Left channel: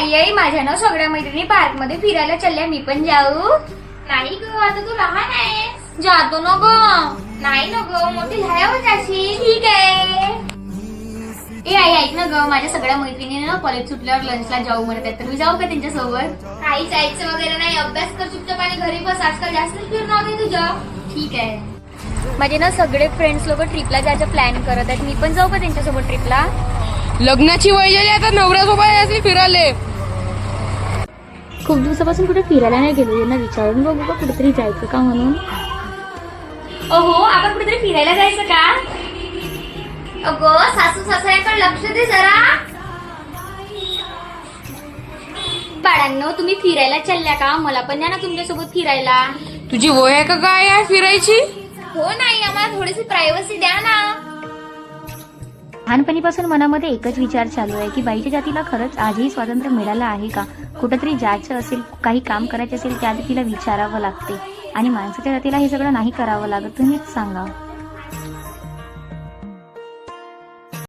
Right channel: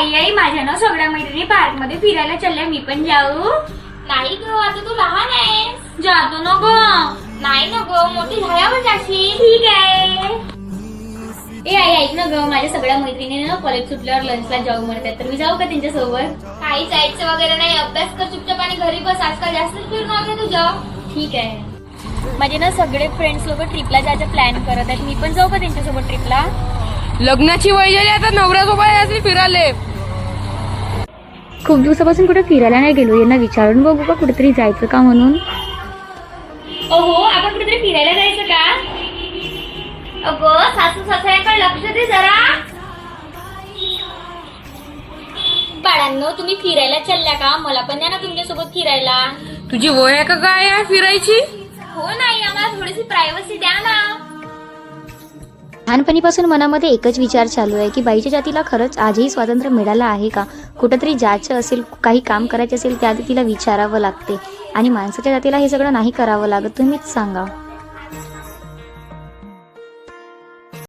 आई माझ्या ना सगळ्या मैत्रिणी पार्क मध्ये फिरायला चालल्या, मी पण जाऊ? नाही ग, आता तू लहान आहेस. जातो ना ग. नाही ना ग, मोठी झाल्यावर जाशील. ठीक आहे. ए आई ऐक ना ग, माझ्या सगळ्या मैत्रिणी ना कॉलेज सुटल्यावर लंचला जाऊ म्हणतात, तर मी जाऊ का त्यांच्यासोबत? काही जायचं वगैरे नाही, अभ्यास कर चुपचाप आणि घरी बस. आजकाल जास्त फिरणं होते तुझं. ठीक आहे. माझे ना सगळे फ्रेंड्स लोक ट्रिपला जायचं प्लॅन करत आहेत, मी पण जाऊ का त्यांच्यासोबत ट्रिपला? लग्नाची वय झाली आता नवऱ्यासोबत फिरायले. खूप दिवसापासून कुठे फिरायला नाही गेलो, यांना विचारून बघू का कुठेतरी जायचं का म्हणून. ओहो, आपण कुठेतरी फिरायला जायचं का? अगं सासू सासऱ्यांकडे लक्ष दे जरा. बाळांनो, तुम्ही फिरायला चालल्या का? मला पण द्या ना तुमच्यासोबत फिरायला. तुझी वय आहे का काय आहे फिरायची? हो नाही, आम्हाला थोडीशी प्रायव्हसी द्या ना. लहानपणीपासून मनामध्ये एकच विचार चालू आहे की बाईच्या जातीला खरंच आजही स्वातंत्र्य मिळालं आहे का? कुठेतरी जायचं असेल, काही काम करायचं असेल, त्याआधी तिला विचारावं लागते आणि माणसाच्या जातीला हे सगळं नाही करावं लागत. तुम्हीच सांगा.